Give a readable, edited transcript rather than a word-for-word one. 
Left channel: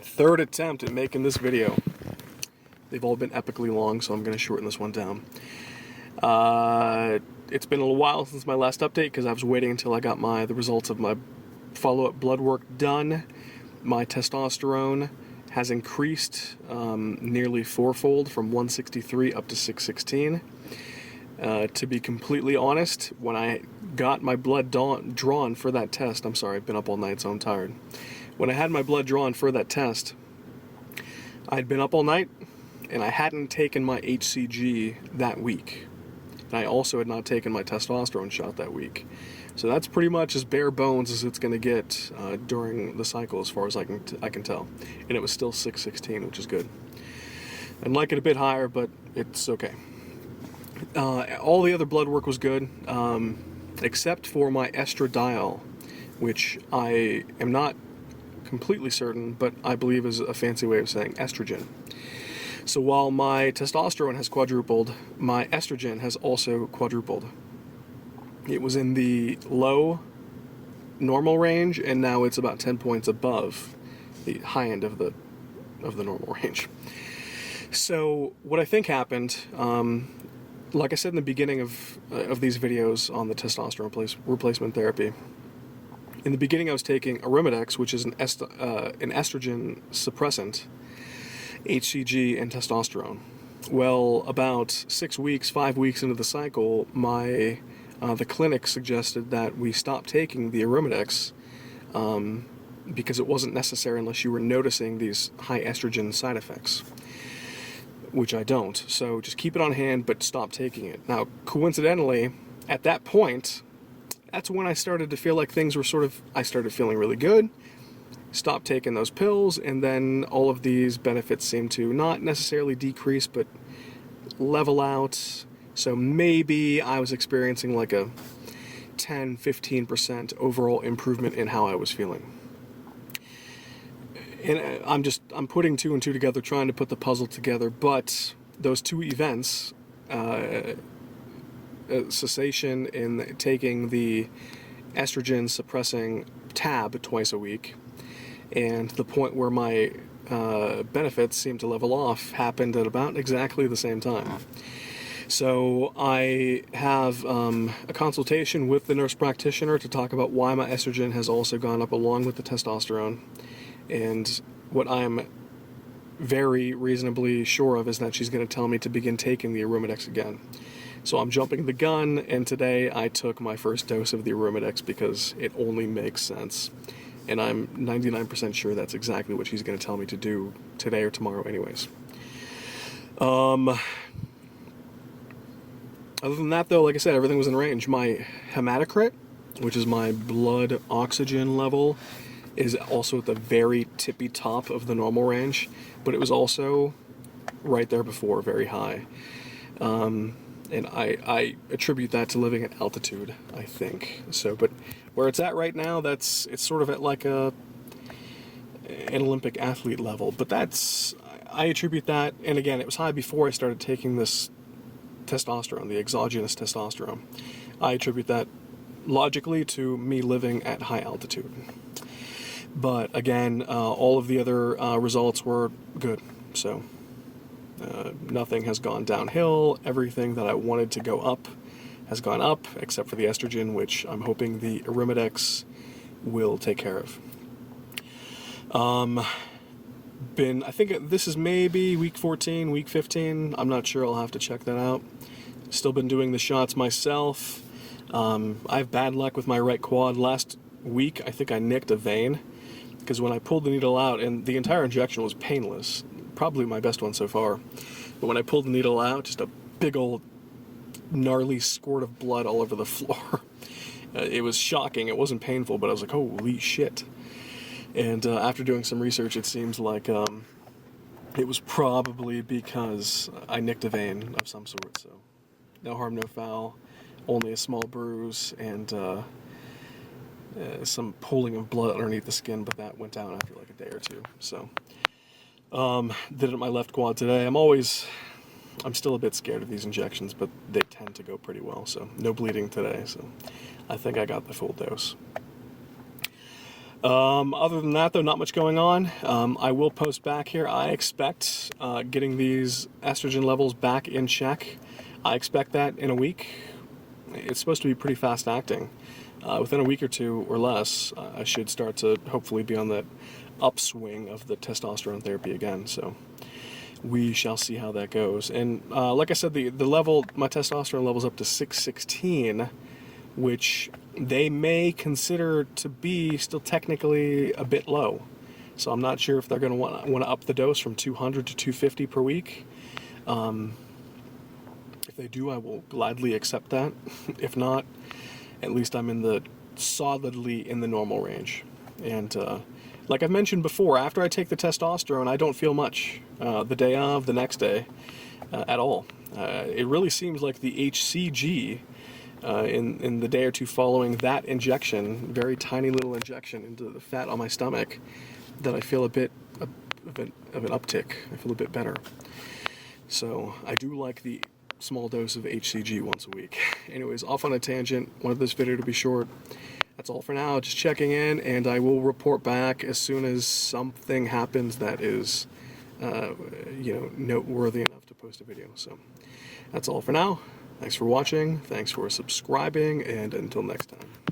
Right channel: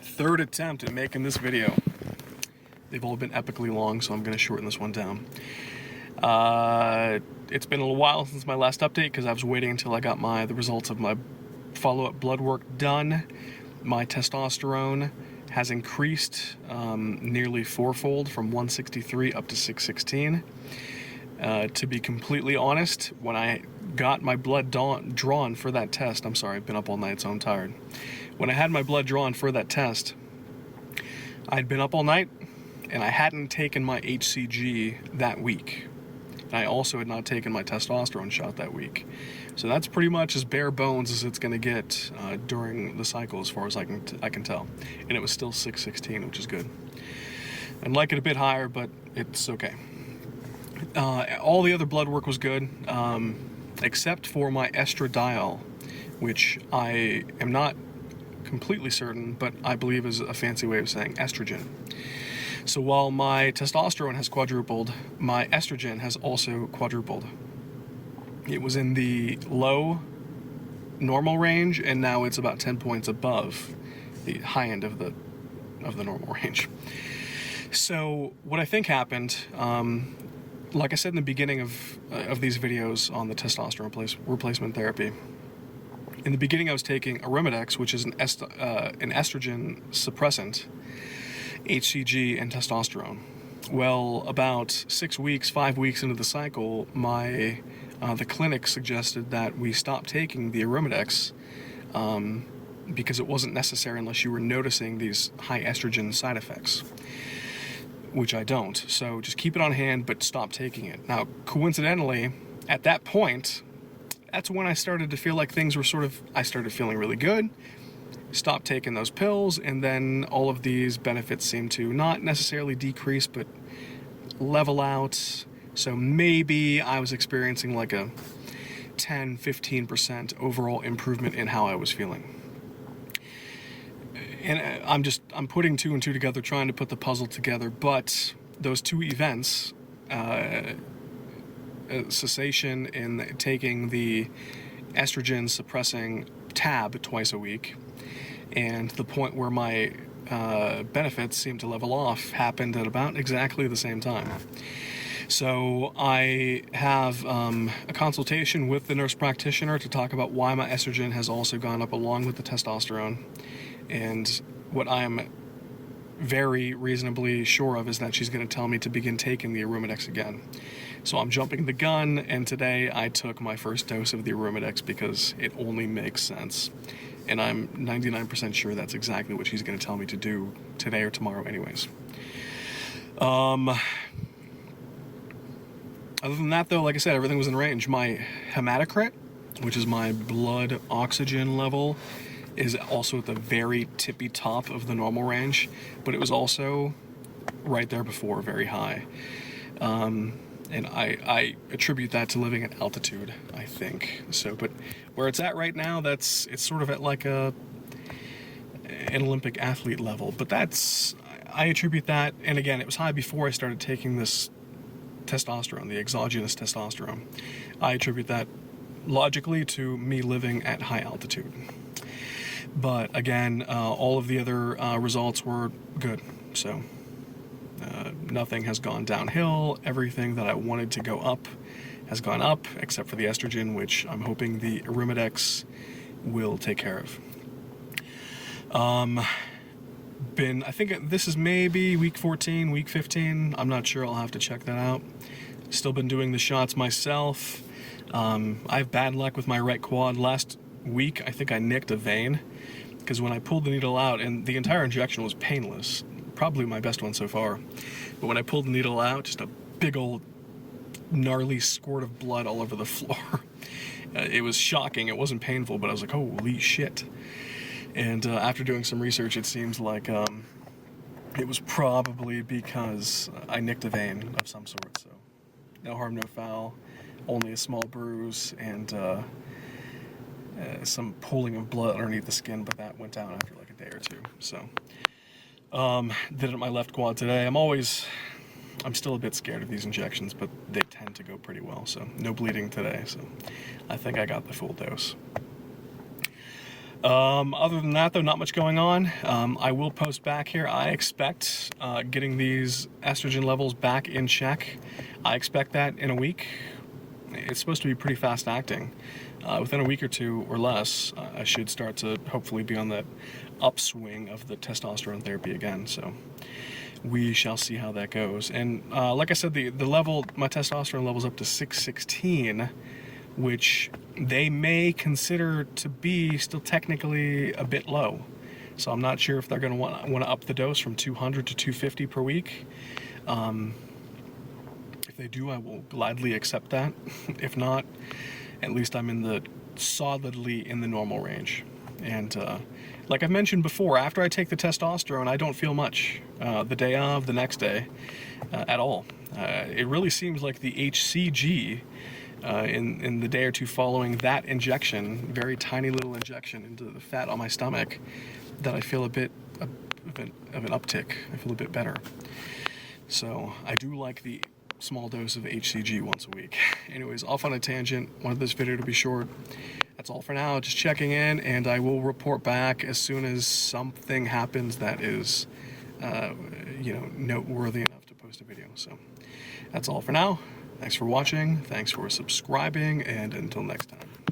Third attempt at making this video. They've all been epically long, so I'm going to shorten this one down. It's been a little while since my last update because I was waiting until I got the results of my follow-up blood work done. My testosterone has increased nearly fourfold, from 163 up to 616. To be completely honest, when I got my blood drawn for that test, I'm sorry, I've been up all night, so I'm tired. When I had my blood drawn for that test, I'd been up all night, and I hadn't taken my HCG that week. And I also had not taken my testosterone shot that week. So that's pretty much as bare bones as it's going to get during the cycle, as far as I can tell. And it was still 616, which is good. I'd like it a bit higher, but it's okay. All the other blood work was good, except for my estradiol, which I am not completely certain, but I believe is a fancy way of saying estrogen. So while my testosterone has quadrupled, my estrogen has also quadrupled. It was in the low normal range, and now it's about 10 points above the high end of the normal range. So what I think happened, like I said in the beginning of these videos on the testosterone replacement therapy, in the beginning I was taking Arimidex, which is an estrogen suppressant, HCG, and testosterone. Well, about 5 weeks into the cycle, the clinic suggested that we stop taking the Arimidex because it wasn't necessary unless you were noticing these high estrogen side effects, which I don't. So just keep it on hand, but stop taking it. Now, coincidentally, at that point, that's when I started to feel like things were I started feeling really good, stopped taking those pills, and then all of these benefits seemed to not necessarily decrease, but level out. So maybe I was experiencing like a 10-15% overall improvement in how I was feeling. And I'm putting two and two together, trying to put the puzzle together, but those two events, cessation in taking the estrogen suppressing tab twice a week, and the point where my benefits seemed to level off, happened at about exactly the same time. So I have a consultation with the nurse practitioner to talk about why my estrogen has also gone up along with the testosterone. And what I'm very reasonably sure of is that she's going to tell me to begin taking the Arimidex again. So I'm jumping the gun, and today I took my first dose of the Arimidex because it only makes sense. And I'm 99% sure that's exactly what she's going to tell me to do today or tomorrow anyways. Other than that, though, like I said, everything was in range. My hematocrit, which is my blood oxygen level, is also at the very tippy top of the normal range, but it was also right there before, very high. And I attribute that to living at altitude, I think. So, but where it's at right now, it's sort of at like an Olympic athlete level. But I attribute that, and again, it was high before I started taking this testosterone, the exogenous testosterone. I attribute that logically to me living at high altitude. But again, all of the other results were good, so nothing has gone downhill. Everything that I wanted to go up has gone up, except for the estrogen, which I'm hoping the Arimidex will take care of. I think this is maybe week 14, week 15. I'm not sure. I'll have to check that out. Still been doing the shots myself. I have bad luck with my right quad. Last week, I think I nicked a vein, because when I pulled the needle out, and the entire injection was painless, probably my best one so far, but when I pulled the needle out, just a big old gnarly squirt of blood all over the floor. It was shocking. It wasn't painful, but I was like, holy shit. And after doing some research, it seems like it was probably because I nicked a vein of some sort. So no harm, no foul, only a small bruise, and some pooling of blood underneath the skin, but that went down after like a day or two. So did it at my left quad today. I'm still a bit scared of these injections, but they tend to go pretty well, so no bleeding today, so I think I got the full dose. Other than that, though, not much going on. I will post back here. I expect getting these estrogen levels back in check. I expect that in a week. It's supposed to be pretty fast acting. Within a week or two or less, I should start to hopefully be on the upswing of the testosterone therapy again. So we shall see how that goes. And like I said, the level, my testosterone level is up to 616, which they may consider to be still technically a bit low. So I'm not sure if they're going to want to up the dose from 200 to 250 per week. If they do, I will gladly accept that. If not, at least I'm solidly in the normal range. And like I've mentioned before, after I take the testosterone, I don't feel much the day of, the next day, at all. It really seems like the HCG in the day or two following that injection, very tiny little injection into the fat on my stomach, that I feel a bit of an uptick. I feel a bit better. So I do like the small dose of HCG once a week. Anyways, off on a tangent. Wanted this video to be short. That's all for now. Just checking in, and I will report back as soon as something happens that is, noteworthy enough to post a video. So that's all for now. Thanks for watching. Thanks for subscribing, and until next time.